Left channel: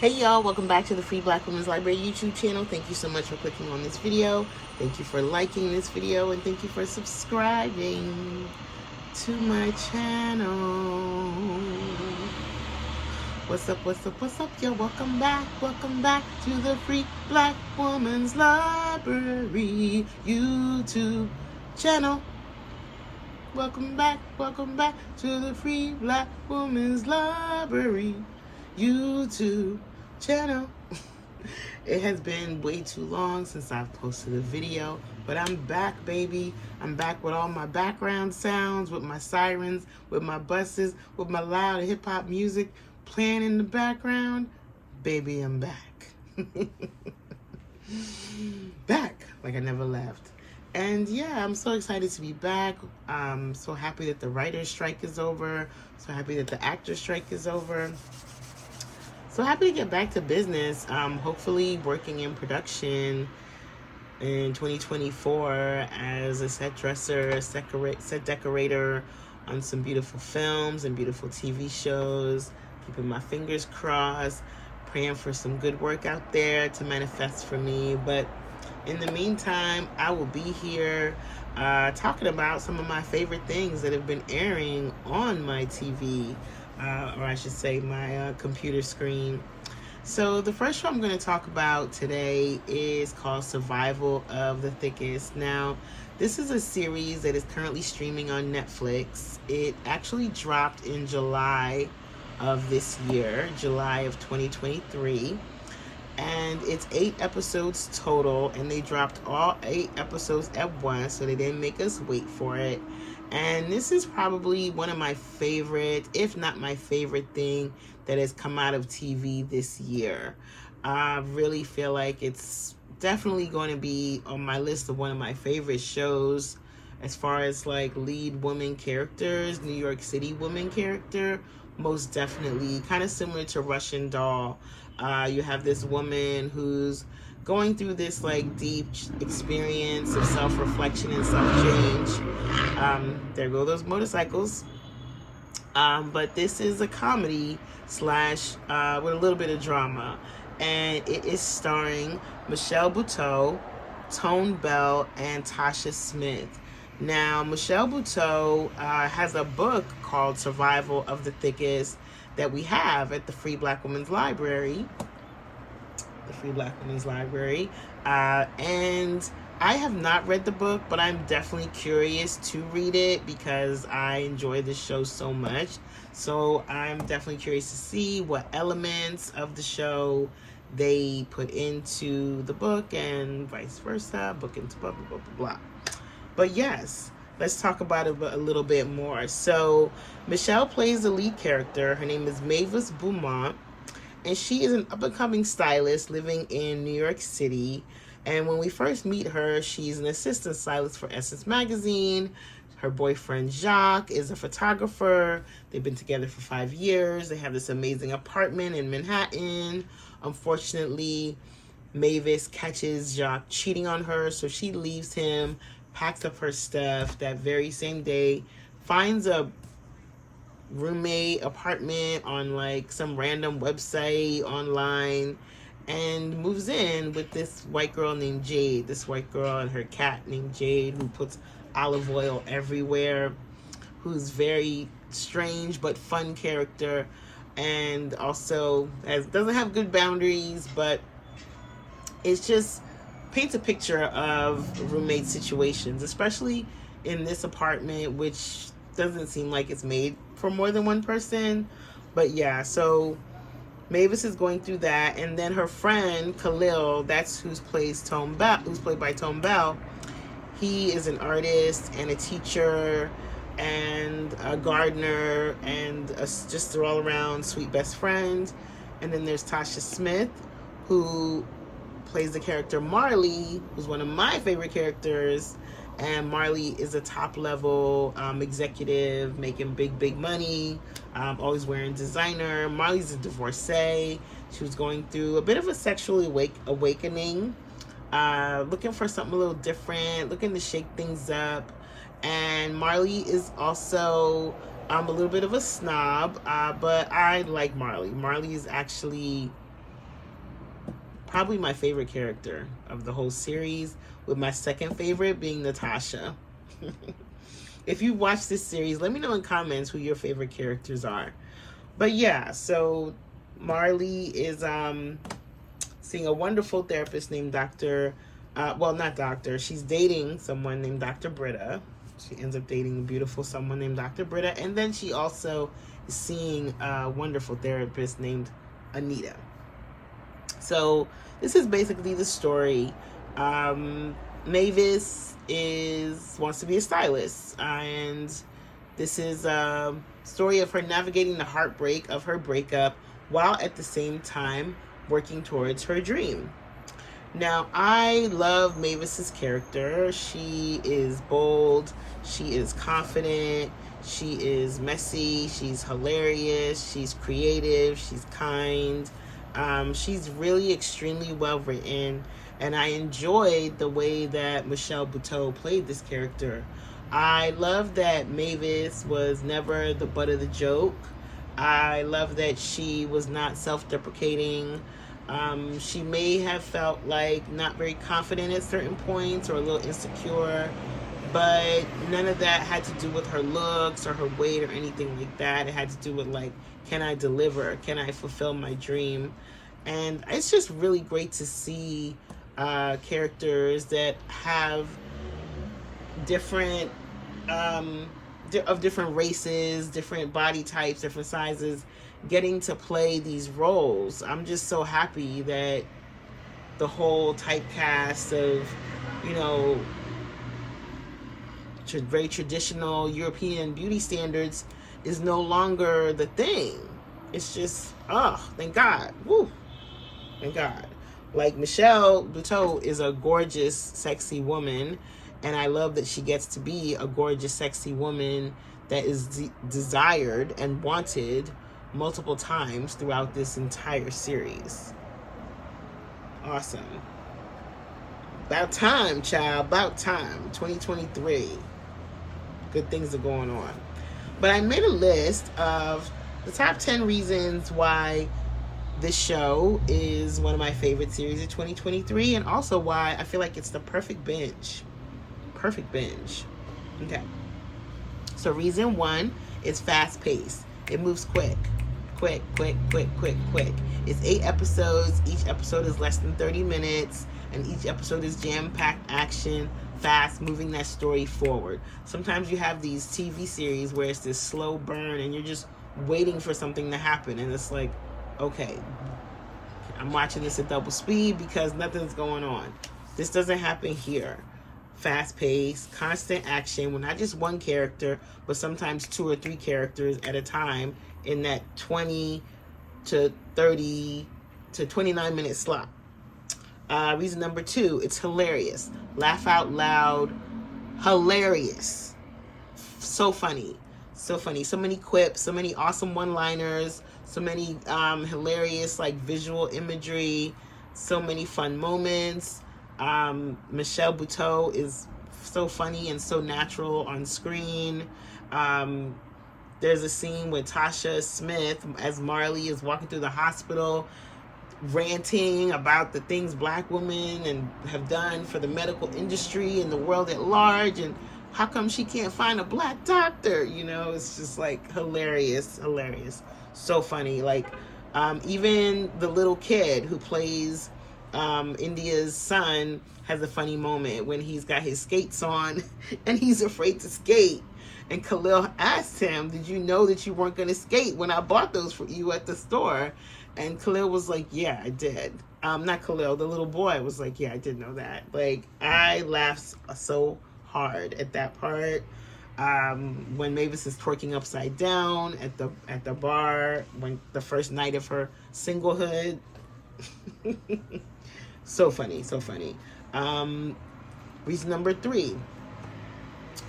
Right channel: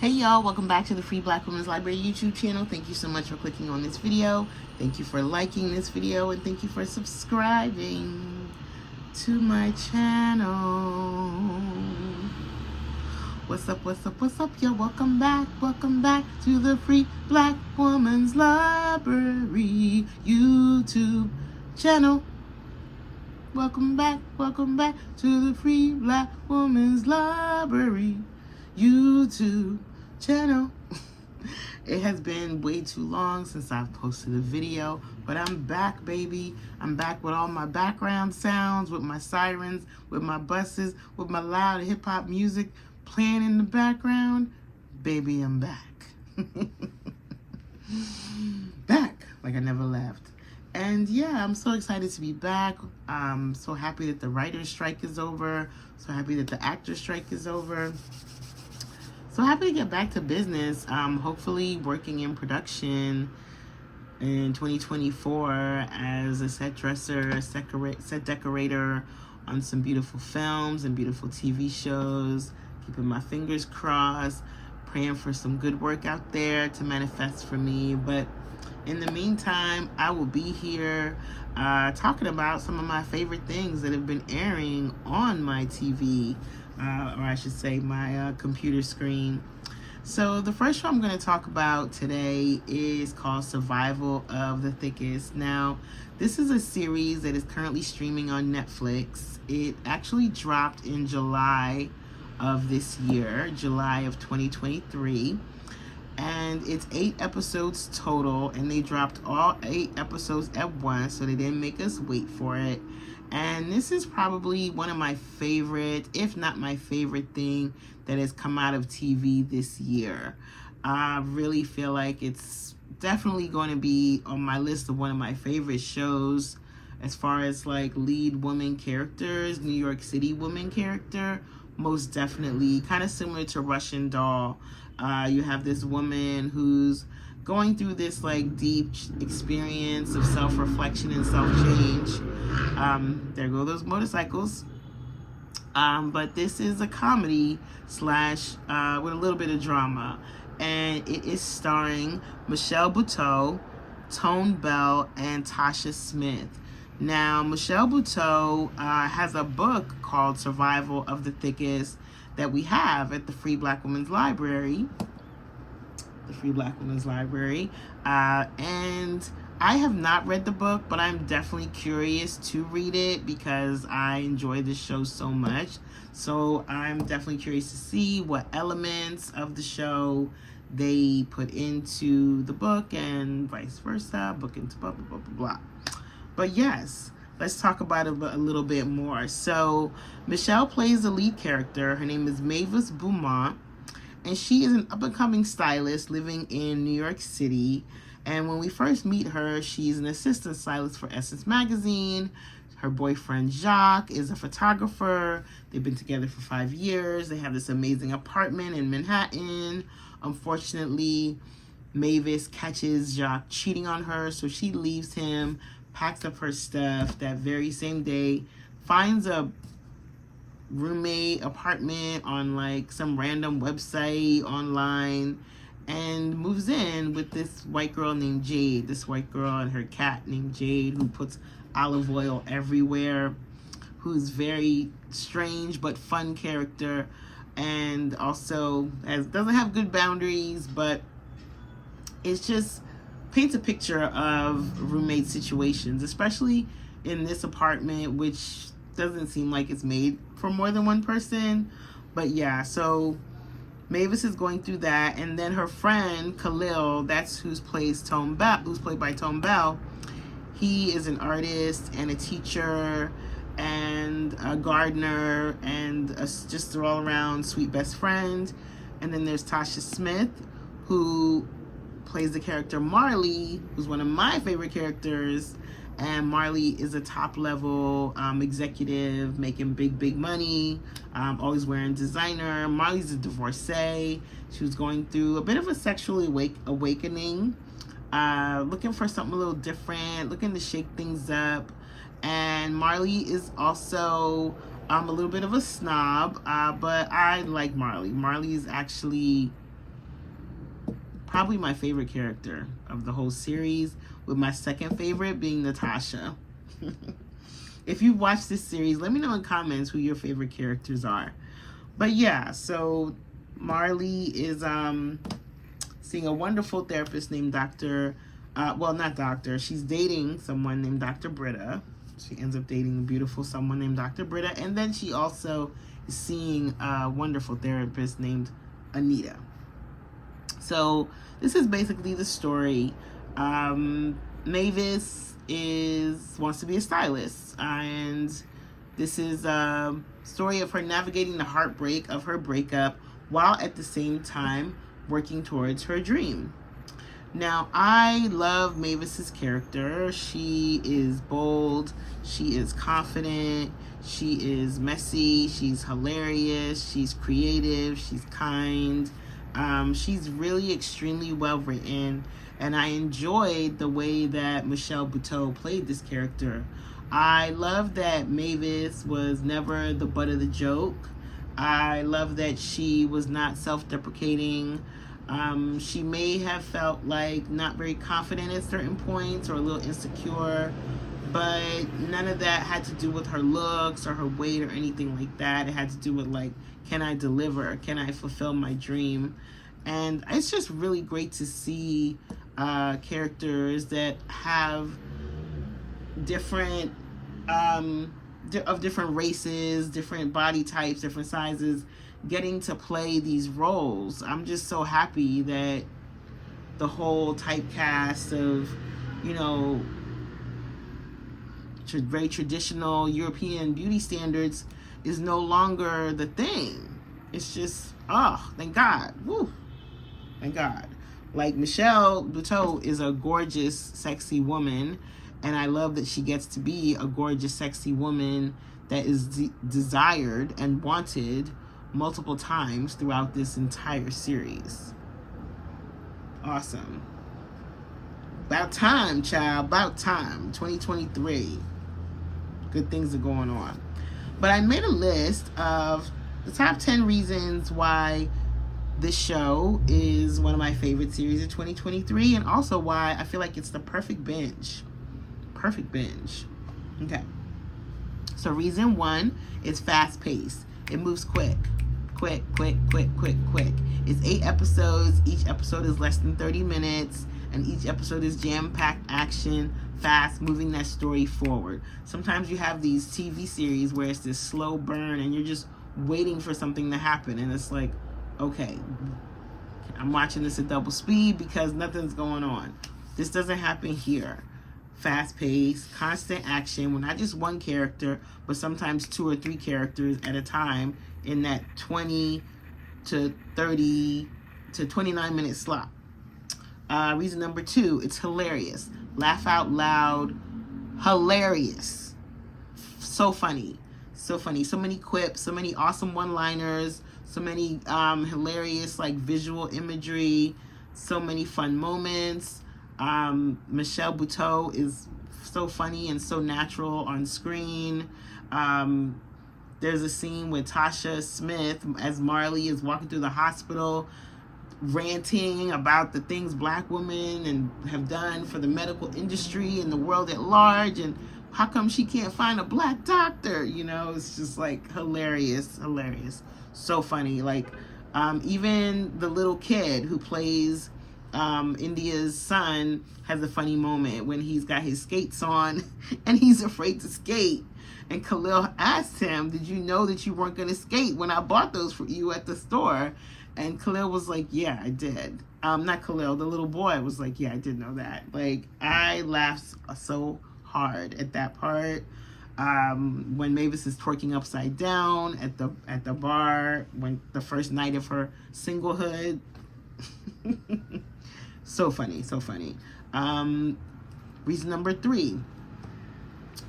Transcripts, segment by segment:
Hey y'all, welcome back to the Free Black Women's Library YouTube channel. Thank you so much for clicking on this video. Thank you for liking this video, and thank you for subscribing to my channel. What's up, y'all? Welcome back to the Free Black Women's Library YouTube channel. Welcome back to the Free Black Women's Library YouTube channel. It has been way too long since I've posted a video, but I'm back, baby. I'm back with all my background sounds, with my sirens, with my buses, with my loud hip-hop music playing in the background. Baby, I'm back. Back like I never left. And yeah, I'm so excited to be back. I'm so happy that the writer's strike is over. So happy that the actor's strike is over. So happy to get back to business. Hopefully working in production in 2024 as a set dresser, a set decorator on some beautiful films and beautiful TV shows. Keeping my fingers crossed, praying for some good work out there to manifest for me. But in the meantime, I will be here talking about some of my favorite things that have been airing on my TV. Or I should say my computer screen. So the first show I'm going to talk about today is called Survival of the Thickest. Now, this is a series that is currently streaming on Netflix. It actually dropped in July of this year, July of 2023. And it's 8 episodes total, and they dropped all 8 episodes at once, so they didn't make us wait for it. And this is probably one of my favorite, if not my favorite thing that has come out of TV this year. I really feel like it's definitely going to be on my list of one of my favorite shows as far as like lead woman characters, New York City woman character, most definitely. Kind of similar to Russian Doll. You have this woman who's going through this like deep experience of self-reflection and self-change. There go those motorcycles. But this is a comedy slash with a little bit of drama, and it is starring Michelle Buteau, Tone Bell, and Tasha Smith. Now, Michelle Buteau has a book called Survival of the Thickest that we have at the Free Black Women's Library. And I have not read the book, but I'm definitely curious to read it because I enjoy the show so much. So I'm definitely curious to see what elements of the show they put into the book and vice versa, book into blah, blah, blah, blah, blah. But yes, let's talk about it a little bit more. So Michelle plays the lead character. Her name is Mavis Beaumont, and she is an up-and-coming stylist living in New York City. And when we first meet her, she's an assistant stylist for Essence Magazine. Her boyfriend, Jacques, is a photographer. They've been together for 5 years. They have this amazing apartment in Manhattan. Unfortunately, Mavis catches Jacques cheating on her, so she leaves him, packs up her stuff that very same day, finds a roommate apartment on like some random website online, and moves in with this white girl named Jade. This white girl and her cat named Jade, who puts olive oil everywhere, who's very strange but fun character, and also doesn't have good boundaries, but it's just paints a picture of roommate situations, especially in this apartment, which doesn't seem like it's made for more than one person. But yeah, so Mavis is going through that, and then her friend Khalil, that's who's played by Tone Bell. He is an artist and a teacher and a gardener and just an all-around sweet best friend. And then there's Tasha Smith, who plays the character Marley, who's one of my favorite characters. And Marley is a top-level executive making big money, always wearing designer. Marley's a divorcee. She was going through a bit of a sexual awakening, looking for something a little different, looking to shake things up. And Marley is also a little bit of a snob, but I like Marley. Marley is actually probably my favorite character of the whole series, with my second favorite being Natasha. If you watch this series, let me know in comments who your favorite characters are. But yeah, so Marley is seeing a wonderful therapist named Dr. Well, not doctor. She's dating someone named Dr. Britta. She ends up dating a beautiful someone named Dr. Britta. And then she also is seeing a wonderful therapist named Anita. So this is basically the story. Mavis wants to be a stylist, and this is a story of her navigating the heartbreak of her breakup while at the same time working towards her dream. Now, I love Mavis's character. She is bold, she is confident, she is messy, she's hilarious, she's creative, she's kind. She's really extremely well written, and I enjoyed the way that Michelle Buteau played this character. I love that Mavis was never the butt of the joke. I love that she was not self-deprecating. She may have felt like not very confident at certain points or a little insecure, but none of that had to do with her looks or her weight or anything like that. It had to do with, like, can I deliver? Can I fulfill my dream? And it's just really great to see characters that have different of different races, different body types, different sizes, getting to play these roles. I'm just so happy that the whole typecast of, you know, very traditional European beauty standards is no longer the thing. It's just, oh, thank God. Woo. Thank God. Like, Michelle Buteau is a gorgeous, sexy woman, and I love that she gets to be a gorgeous, sexy woman that is desired and wanted multiple times throughout this entire series. Awesome. About time, child. About time. 2023. Good things are going on. But I made a list of the top 10 reasons why this show is one of my favorite series of 2023, and also why I feel like it's the perfect binge. Perfect binge. Okay. So reason one is fast paced. It moves quick. Quick. It's 8 episodes. Each episode is less than 30 minutes, and each episode is jam-packed action, fast, moving that story forward. Sometimes you have these TV series where it's this slow burn and you're just waiting for something to happen, and it's like, okay, I'm watching this at double speed because nothing's going on. This doesn't happen here. Fast-paced, constant action with not just one character, but sometimes 2 or 3 characters at a time in that 20 to 30 to 29 minute slot. Reason number 2, it's hilarious. Laugh out loud, hilarious. So funny. So funny. So many quips, so many awesome one-liners, so many hilarious, like, visual imagery, so many fun moments. Michelle Buteau is so funny and so natural on screen. There's a scene with Tasha Smith as Marley is walking through the hospital, ranting about the things Black women and have done for the medical industry and the world at large, and how come she can't find a Black doctor? You know, it's just like hilarious. So funny. Like, even the little kid who plays India's son has a funny moment when he's got his skates on and he's afraid to skate. And Khalil asked him, did you know that you weren't going to skate when I bought those for you at the store? And Khalil was like, yeah, I did. Not Khalil, the little boy was like, yeah, I did know that. Like, I laughed so hard at that part. When Mavis is twerking upside down at the bar, when the first night of her singlehood. So funny. Reason number 3.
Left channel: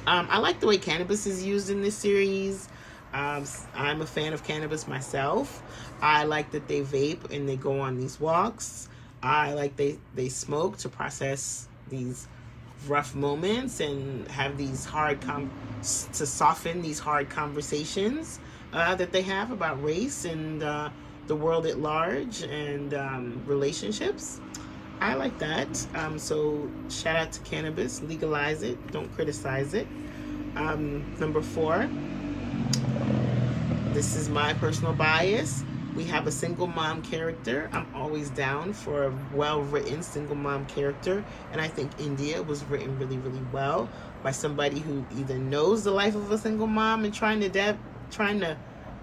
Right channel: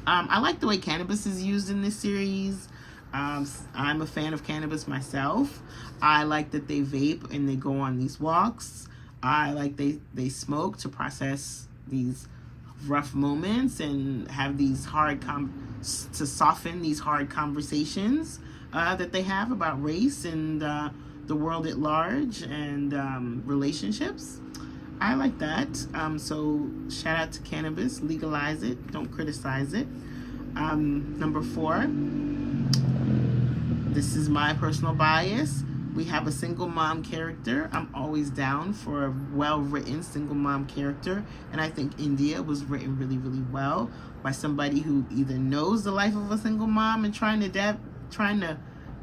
I like the way cannabis is used in this series. I'm a fan of cannabis myself. I like that they vape and they go on these walks. I like they smoke to process these rough moments and have these to soften these hard conversations that they have about race and the world at large and relationships. I like that. So shout out to cannabis. Legalize it. Don't criticize it. Number 4. This is my personal bias. We have a single mom character. I'm always down for a well-written single mom character. And I think India was written really, really well by somebody who either knows the life of a single mom and trying to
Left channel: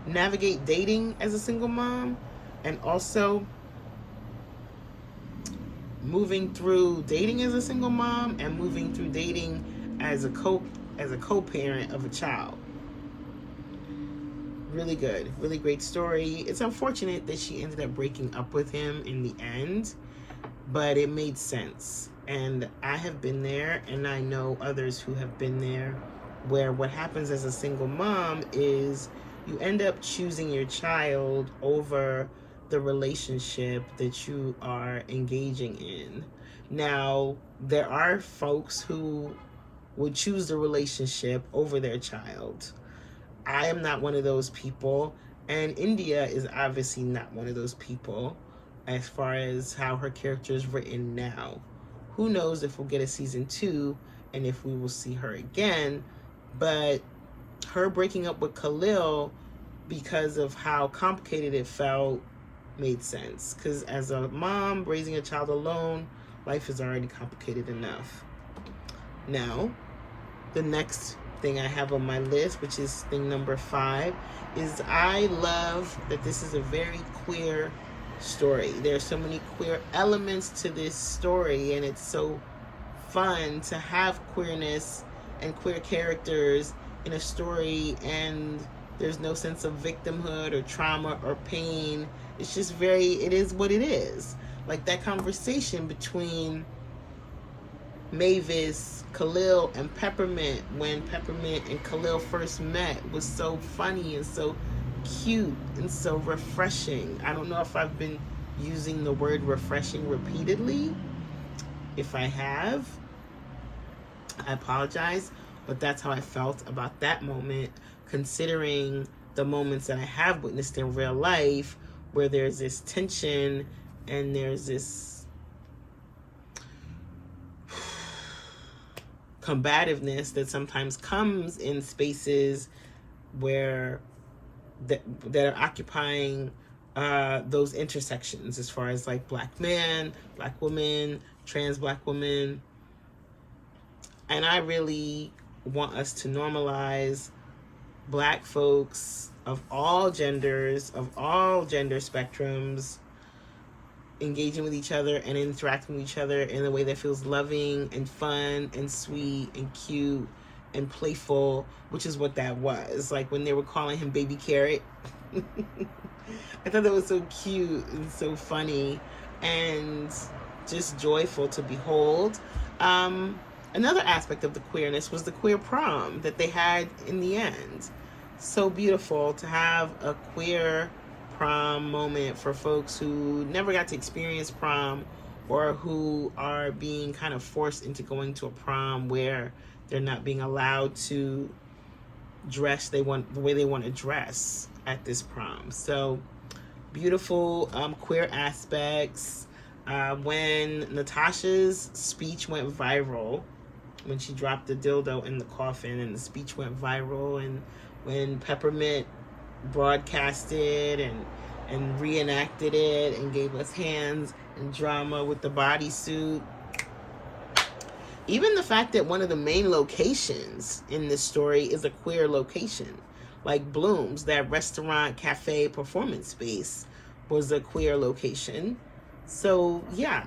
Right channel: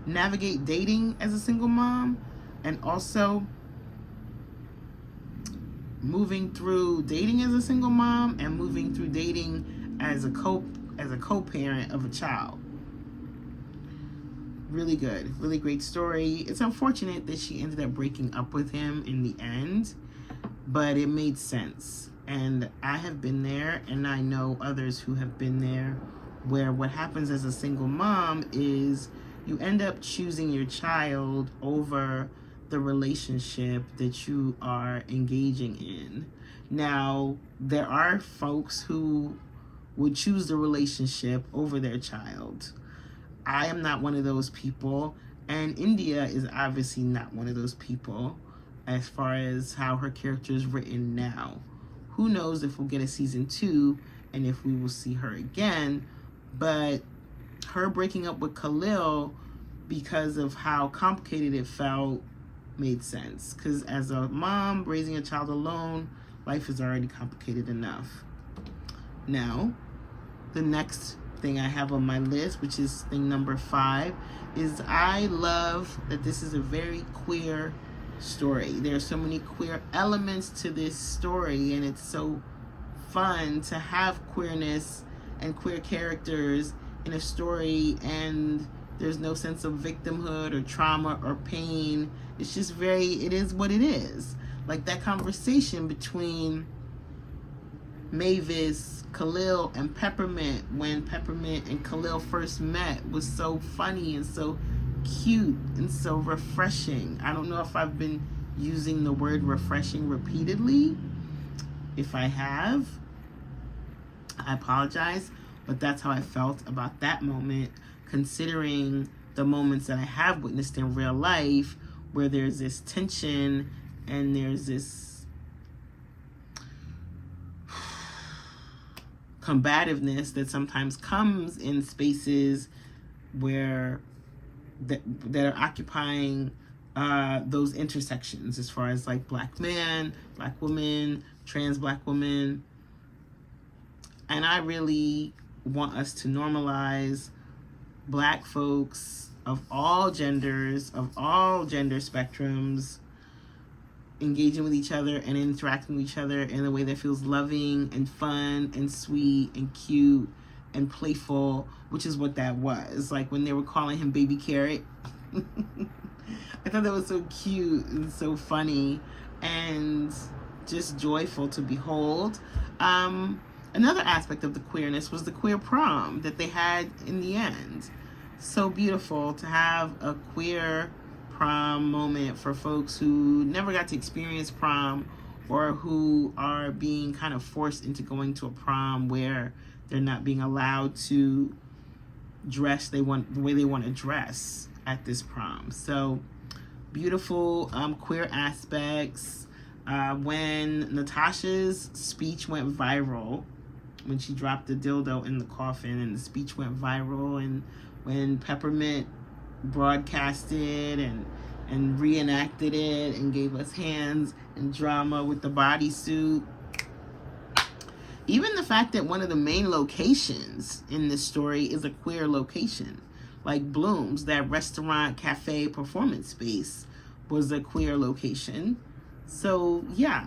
navigate dating as a single mom, and also moving through dating as a single mom and moving through dating as a co-parent of a child. Really good, really great story. It's unfortunate that she ended up breaking up with him in the end, but it made sense. And I have been there, and I know others who have been there, where what happens as a single mom is you end up choosing your child over the relationship that you are engaging in. Now, there are folks who would choose the relationship over their child. I am not one of those people, and India is obviously not one of those people as far as how her character is written now. Who knows if we'll get a season 2 and if we will see her again, but her breaking up with Khalil because of how complicated it felt made sense, because as a mom raising a child alone, life is already complicated enough. Now, the next thing I have on my list, which is thing number 5, is I love that this is a very queer story. There's so many queer elements to this story, and it's so fun to have queerness and queer characters in a story, and there's no sense of victimhood or trauma or pain. It's just it is what it is. Like that conversation between Mavis, Khalil, and Peppermint when Peppermint and Khalil first met was so funny and so cute and so refreshing. I don't know if I've been using the word refreshing repeatedly. If I have, I apologize, but that's how I felt about that moment, considering the moments that I have witnessed in real life where there's this tension and there's this combativeness that sometimes comes in spaces where that are occupying those intersections, as far as like Black man, Black woman, trans Black woman. And I really want us to normalize Black folks of all genders, of all gender spectrums, engaging with each other and interacting with each other in a way that feels loving and fun and sweet and cute and playful, which is what that was. Like when they were calling him Baby Carrot. I thought that was so cute and so funny and just joyful to behold. Another aspect of the queerness was the queer prom that they had in the end. So beautiful to have a queer prom moment for folks who never got to experience prom, or who are being kind of forced into going to a prom where they're not being allowed to dress the way they want to dress at this prom. So beautiful queer aspects. When Natasha's speech went viral, when she dropped the dildo in the coffin and the speech went viral, and when Peppermint broadcasted and reenacted it and gave us hands and drama with the bodysuit. Even the fact that one of the main locations in this story is a queer location, like Bloom's, that restaurant, cafe, performance space was a queer location. So yeah,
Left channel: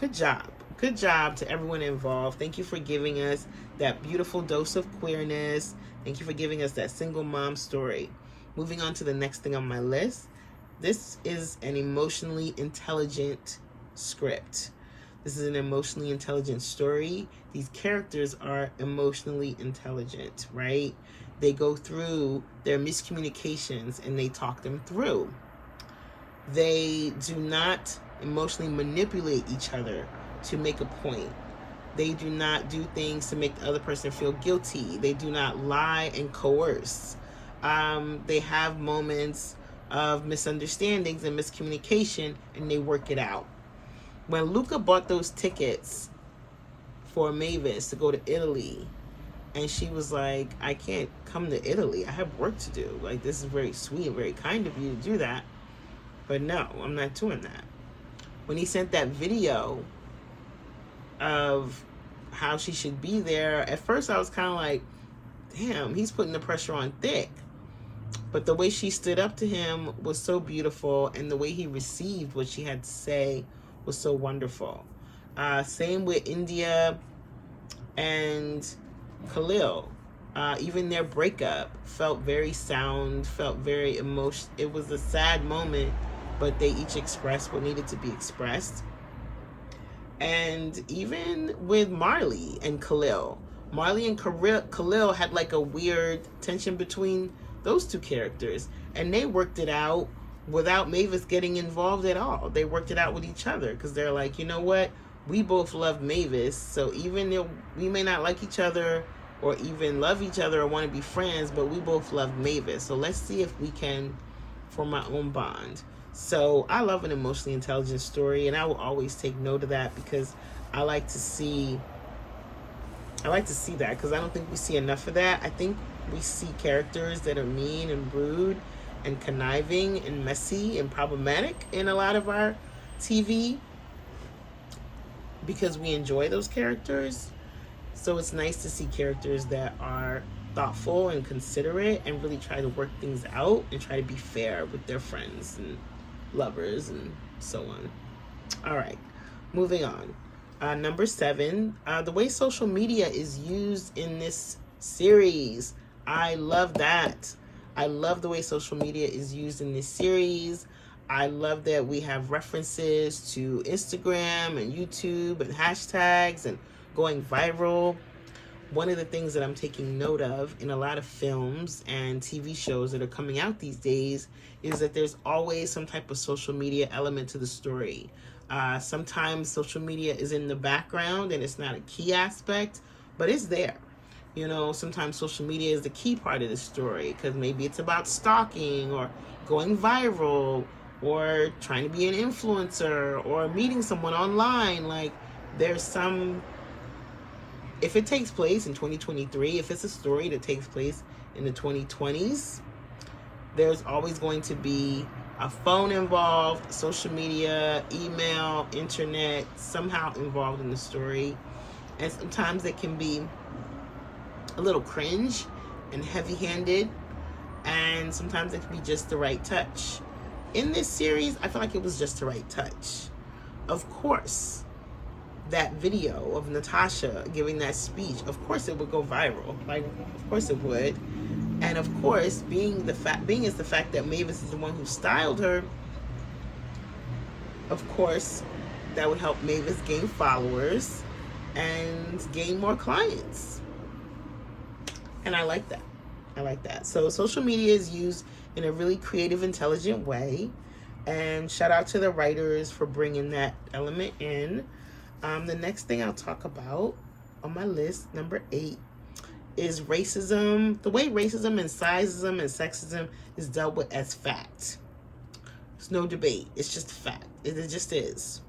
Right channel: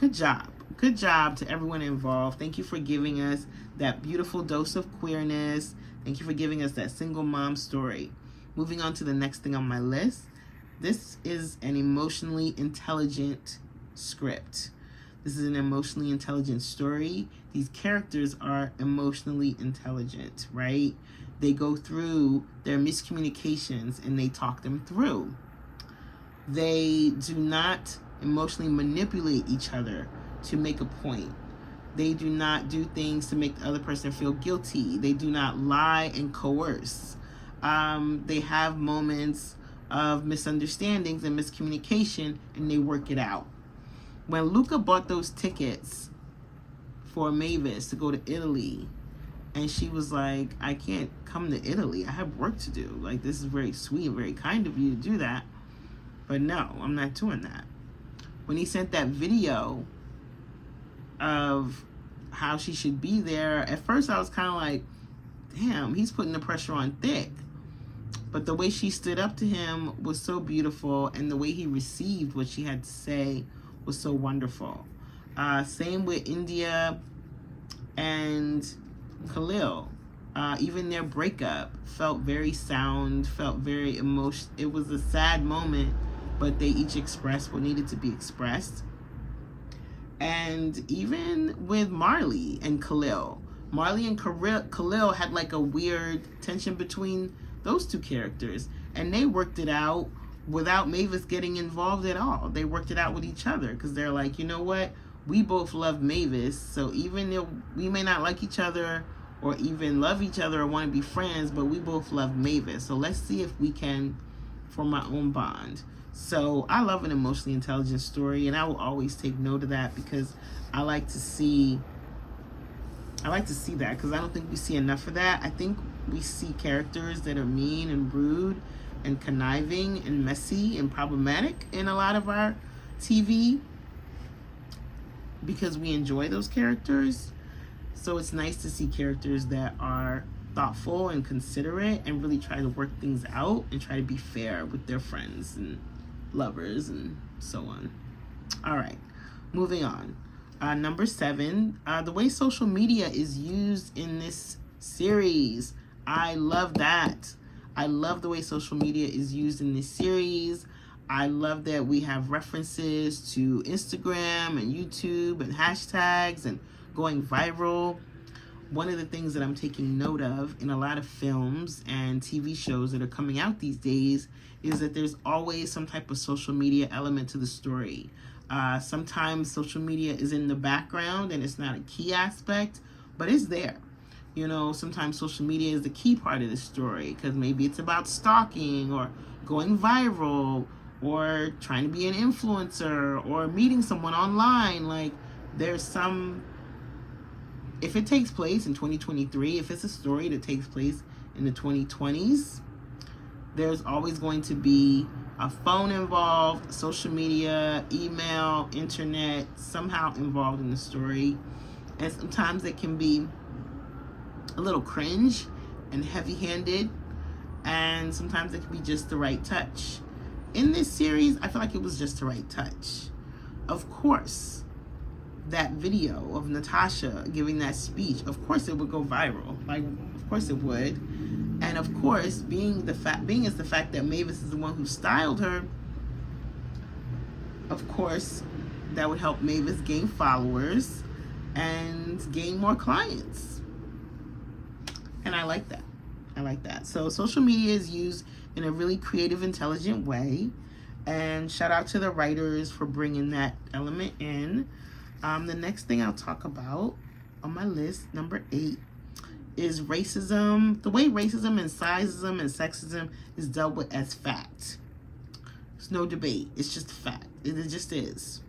good job. Good job to everyone involved. Thank you for giving us that beautiful dose of queerness. Thank you for giving us that single mom story. Moving on to the next thing on my list. This is an emotionally intelligent script. This is an emotionally intelligent story. These characters are emotionally intelligent, right? They go through their miscommunications and they talk them through. They do not emotionally manipulate each other to make a point. They do not do things to make the other person feel guilty. They do not lie and coerce. They have moments of misunderstandings and miscommunication, and they work it out. When Luca bought those tickets for Mavis to go to Italy, and she was like, I can't come to Italy. I have work to do. Like, this is very sweet and very kind of you to do that. But no, I'm not doing that. When he sent that video of how she should be there, at first I was kind of like, damn, he's putting the pressure on thick. But the way she stood up to him was so beautiful, and the way he received what she had to say was so wonderful. Same with India and Khalil. Even their breakup felt very sound, felt very emotional. It was a sad moment, but they each expressed what needed to be expressed. And even with Marley and Khalil. Marley and Khalil had like a weird tension between those two characters. And they worked it out without Mavis getting involved at all. They worked it out with each other because they're like, you know what? We both love Mavis. So even though we may not like each other or even love each other or want to be friends, but we both love Mavis. So let's see if we can form our own bond. So I love an emotionally intelligent story, and I will always take note of that because I like to see that because I don't think we see enough of that. I think we see characters that are mean and rude and conniving and messy and problematic in a lot of our TV because we enjoy those characters. So it's nice to see characters that are thoughtful and considerate and really try to work things out and try to be fair with their friends and lovers and so on. All right, moving on. Number 7, the way social media is used in this series. I love that. I love the way social media is used in this series. I love that we have references to Instagram and YouTube and hashtags and going viral. One of the things that I'm taking note of in a lot of films and TV shows that are coming out these days is that there's always some type of social media element to the story. Sometimes social media is in the background and it's not a key aspect, but it's there. You know, sometimes social media is the key part of the story because maybe it's about stalking or going viral or trying to be an influencer or meeting someone online. Like, there's some, if it takes place in 2023, if it's a story that takes place in the 2020s, there's always going to be a phone involved, social media, email, internet, somehow involved in the story. And sometimes it can be a little cringe and heavy-handed, and sometimes it can be just the right touch. In this series, I feel like it was just the right touch. Of course, that video of Natasha giving that speech, of course it would go viral. Like, of course it would. And of course, being is the fact that Mavis is the one who styled her, of course, that would help Mavis gain followers and gain more clients. And I like that. I like that. So social media is used in a really creative, intelligent way. And shout out to the writers for bringing that element in. The next thing I'll talk about on my list, number 8, is racism. The way racism and sizeism and sexism is dealt with as fact. There's no debate. It's just a fact. It just is.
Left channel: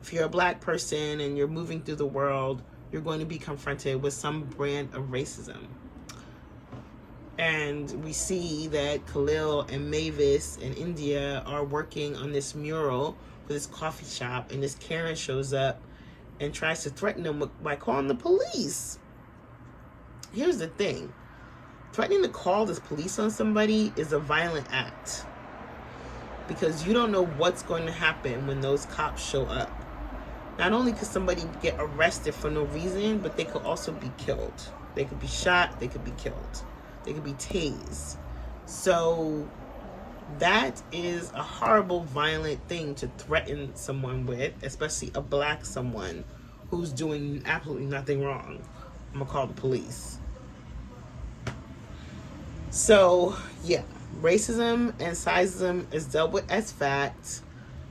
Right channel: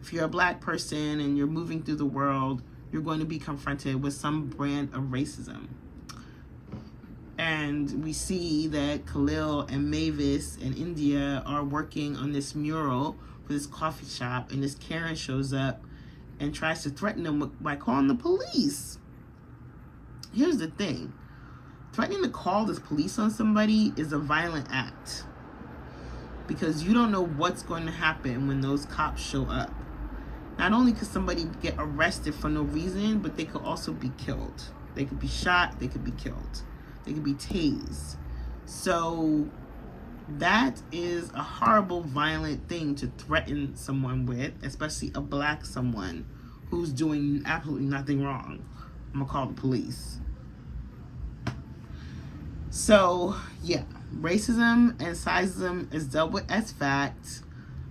If you're a black person and you're moving through the world, you're going to be confronted with some brand of racism. And we see that Khalil and Mavis and India are working on this mural for this coffee shop, and this Karen shows up and tries to threaten them by calling the police. Here's the thing. Threatening to call the police on somebody is a violent act because you don't know what's going to happen when those cops show up. Not only could somebody get arrested for no reason, but they could also be killed. They could be shot, they could be killed. They could be tased. So that is a horrible, violent thing to threaten someone with, especially a black someone who's doing absolutely nothing wrong. I'm gonna call the police. So, yeah, racism and sizeism is dealt with as fact.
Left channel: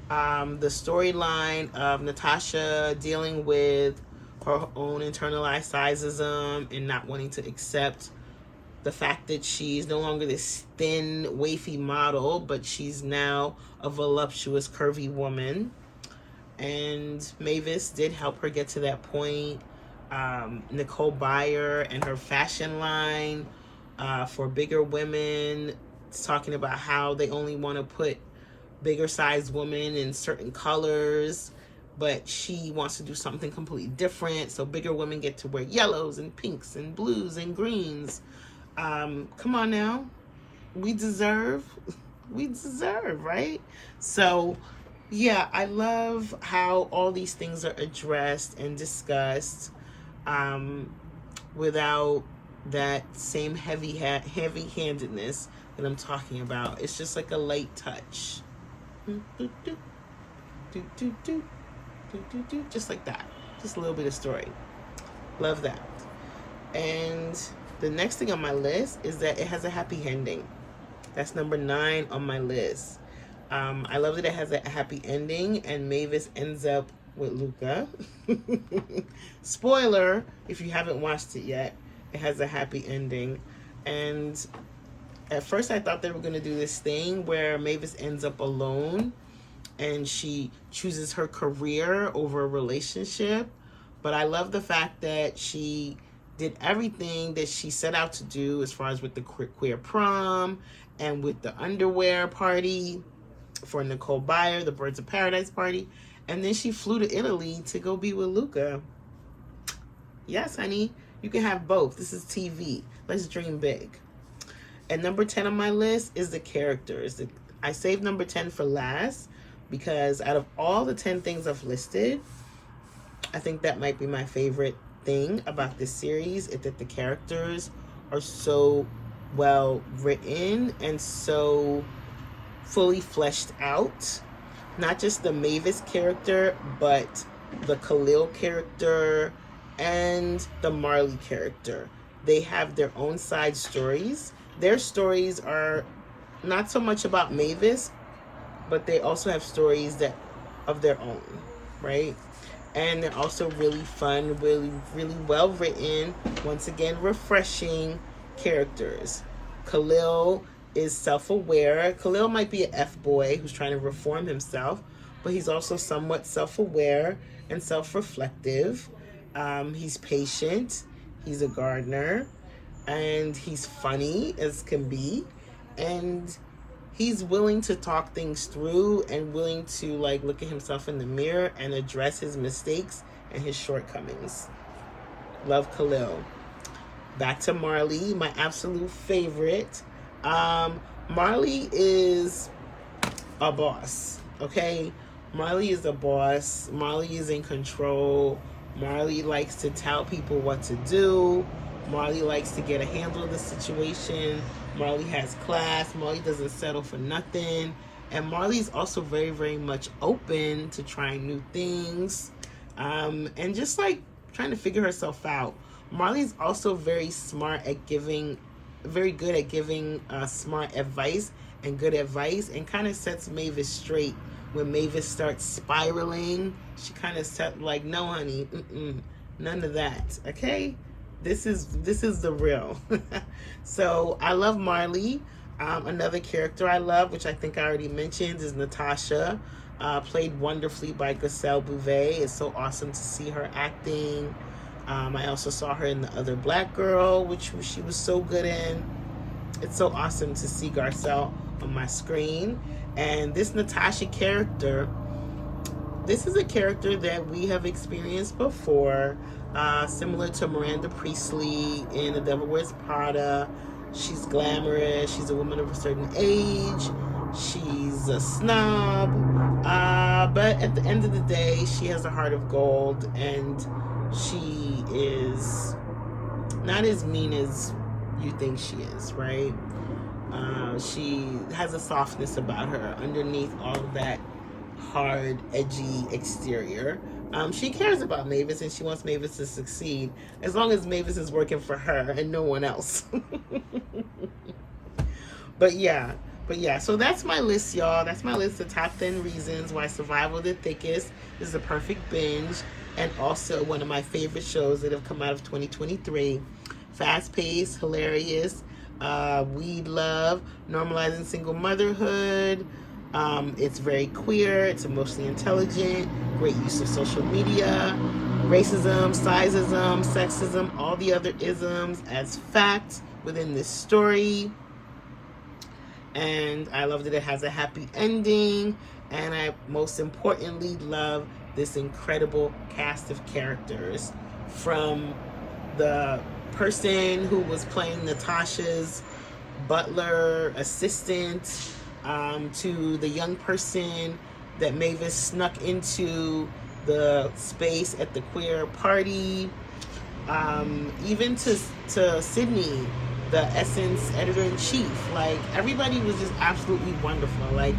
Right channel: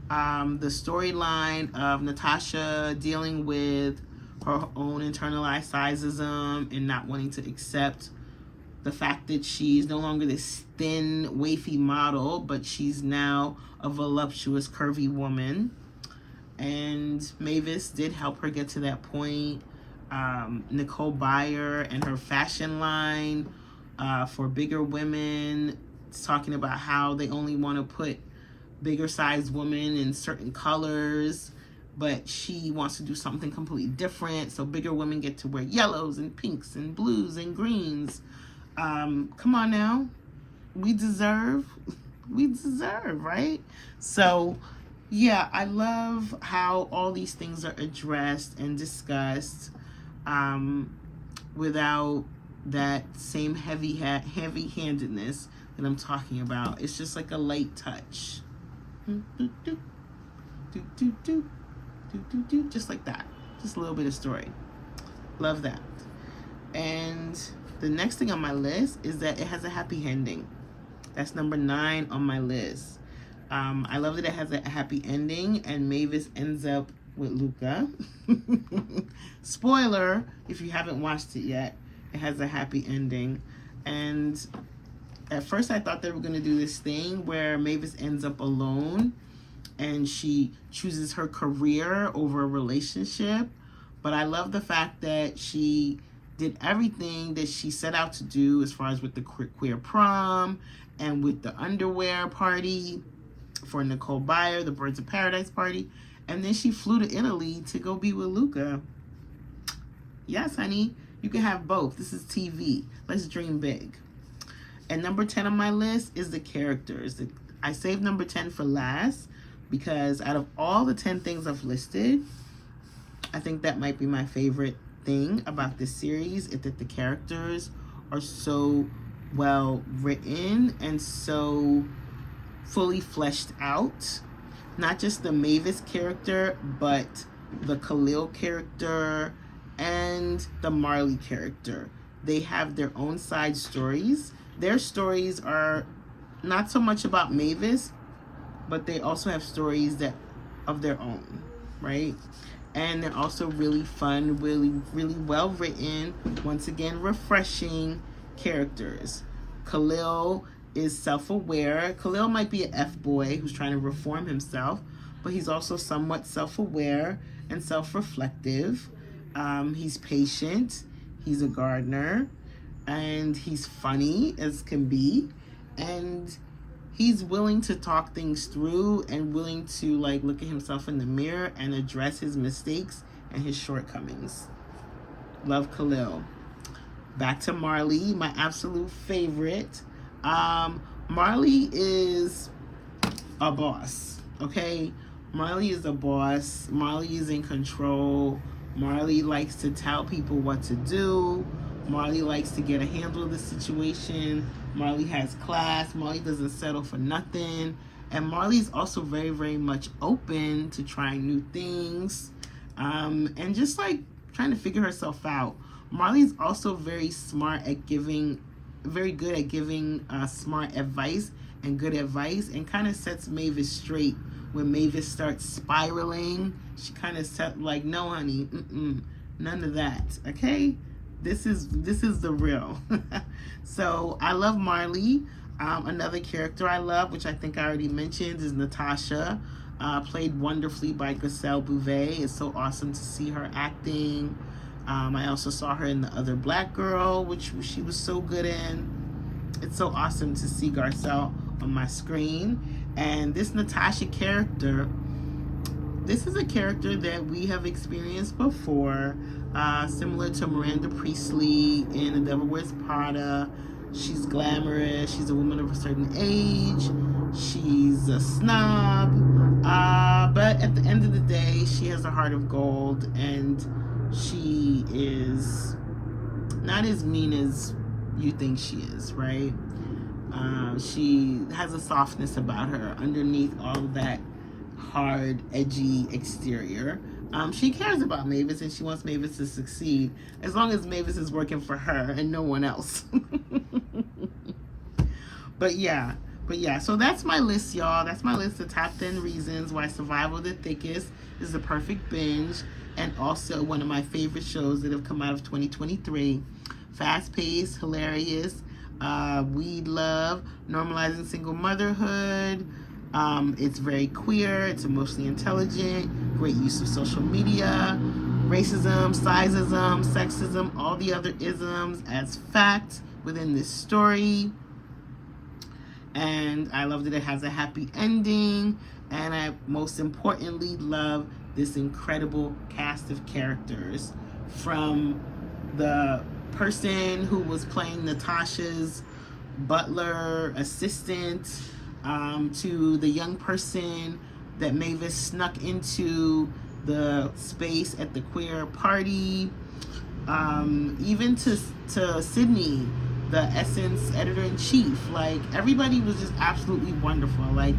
The storyline of Natasha dealing with her own internalized sizeism and not wanting to accept the fact that she's no longer this thin, wafy model, but she's now a voluptuous, curvy woman. And Mavis did help her get to that point. Nicole Byer and her fashion line for bigger women, it's talking about how they only want to put bigger sized women in certain colors, but she wants to do something completely different. So bigger women get to wear yellows and pinks and blues and greens. Come on now. We deserve, right? So yeah, I love how all these things are addressed and discussed without that same heavy-handedness that I'm talking about. It's just like a light touch. Just like that. Just a little bit of story. Love that. And the next thing on my list is that it has a happy ending. That's number 9 on my list. I love that it has a happy ending and Mavis ends up with Luca. Spoiler, if you haven't watched it yet, it has a happy ending. And at first I thought they were going to do this thing where Mavis ends up alone and she chooses her career over a relationship. But I love the fact that she did everything that she set out to do as far as with the queer prom and with the underwear party for Nicole Byer, the Birds of Paradise party. And then she flew to Italy to go be with Luca. Yes, honey, you can have both. This is TV. Let's dream big. And number 10 on my list is the characters. I saved number 10 for last because out of all the 10 things I've listed, I think that might be my favorite thing about this series is that the characters are so well written and so fully fleshed out. Not just the Mavis character, but the Khalil character and the Marley character. They have their own side stories. Their stories are not so much about Mavis, but they also have stories that of their own, right? And they're also really fun, really well written. Once again, refreshing characters. Khalil is self-aware. Khalil might be an F-boy who's trying to reform himself, but he's also somewhat self-aware and self-reflective. He's patient. He's a gardener. And he's funny as can be. And he's willing to talk things through and willing to like look at himself in the mirror and address his mistakes and his shortcomings. Love Khalil. Back to Marley, my absolute favorite. Marley is a boss, okay? Marley is a boss. Marley is in control. Marley likes to tell people what to do. Marley likes to get a handle of the situation. Marley has class. Marley doesn't settle for nothing. And Marley's also very much open to trying new things. And just like trying to figure herself out. Marley's also very smart at giving, very good at giving smart advice and good advice, and kind of sets Mavis straight when Mavis starts spiraling. She kind of set like, no honey, none of that, okay? This is the real. So I love Marley. Another character I love, which I think I already mentioned, is Natasha, played wonderfully by Giselle Bouvet. It's so awesome to see her acting. I also saw her in The Other Black Girl, which she was so good in. It's so awesome to see Garcelle on my screen. And this Natasha character, this is a character that we have experienced before, similar to Miranda Priestley in The Devil Wears Prada. She's glamorous. She's a woman of a certain age. She's a snob. But at the end of the day, she has a heart of gold, and she is not as mean as you think she is, right? She has a softness about her underneath all of that hard, edgy exterior. She cares about Mavis and she wants Mavis to succeed as long as Mavis is working for her and no one else. But yeah, so that's my list, y'all. That's my list of top 10 reasons why Survival the Thickest is the perfect binge, and also one of my favorite shows that have come out of 2023. Fast-paced, hilarious, We love normalizing single motherhood. It's very queer. It's emotionally intelligent. Great use of social media. Racism, sizeism, sexism, all the other isms as fact within this story. And I love that it has a happy ending. And I most importantly love this incredible cast of characters, from the person who was playing Natasha's butler assistant, to the young person that Mavis snuck into the space at the queer party, even to Sydney, the Essence editor-in-chief. Like, everybody was just absolutely wonderful. Like,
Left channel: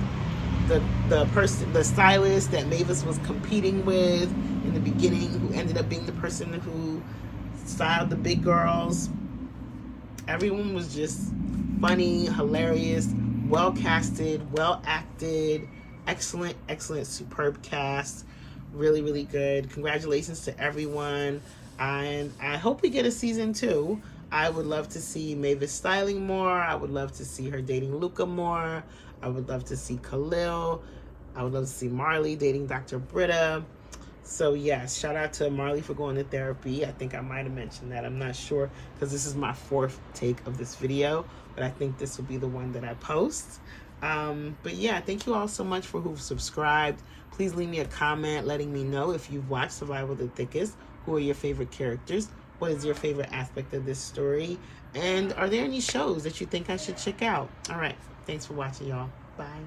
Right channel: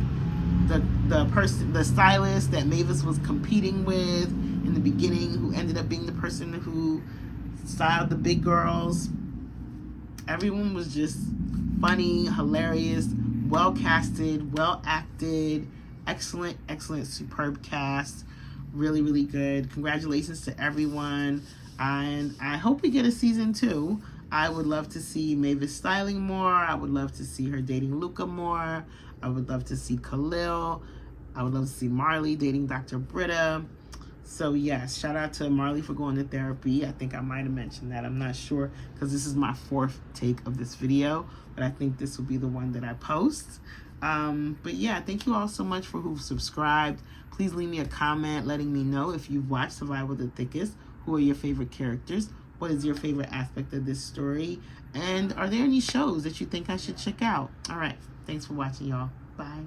the stylist that Mavis was competing with in the beginning, who ended up being the person who styled the big girls. Everyone was just funny, hilarious, well casted, well acted, excellent, superb cast. Really, really good. Congratulations to everyone. And I hope we get a season 2. I would love to see Mavis styling more. I would love to see her dating Luca more. I would love to see Khalil. I would love to see Marley dating Dr. Britta. So yes, shout out to Marley for going to therapy. I think I might have mentioned that. I'm not sure, because this is my 4th take of this video, but I think this will be the one that I post. But yeah, thank you all so much for who've subscribed. Please leave me a comment letting me know if you've watched Survival the Thickest. Who are your favorite characters? What is your favorite aspect of this story? And are there any shows that you think I should check out? All right. Thanks for watching, y'all. Bye.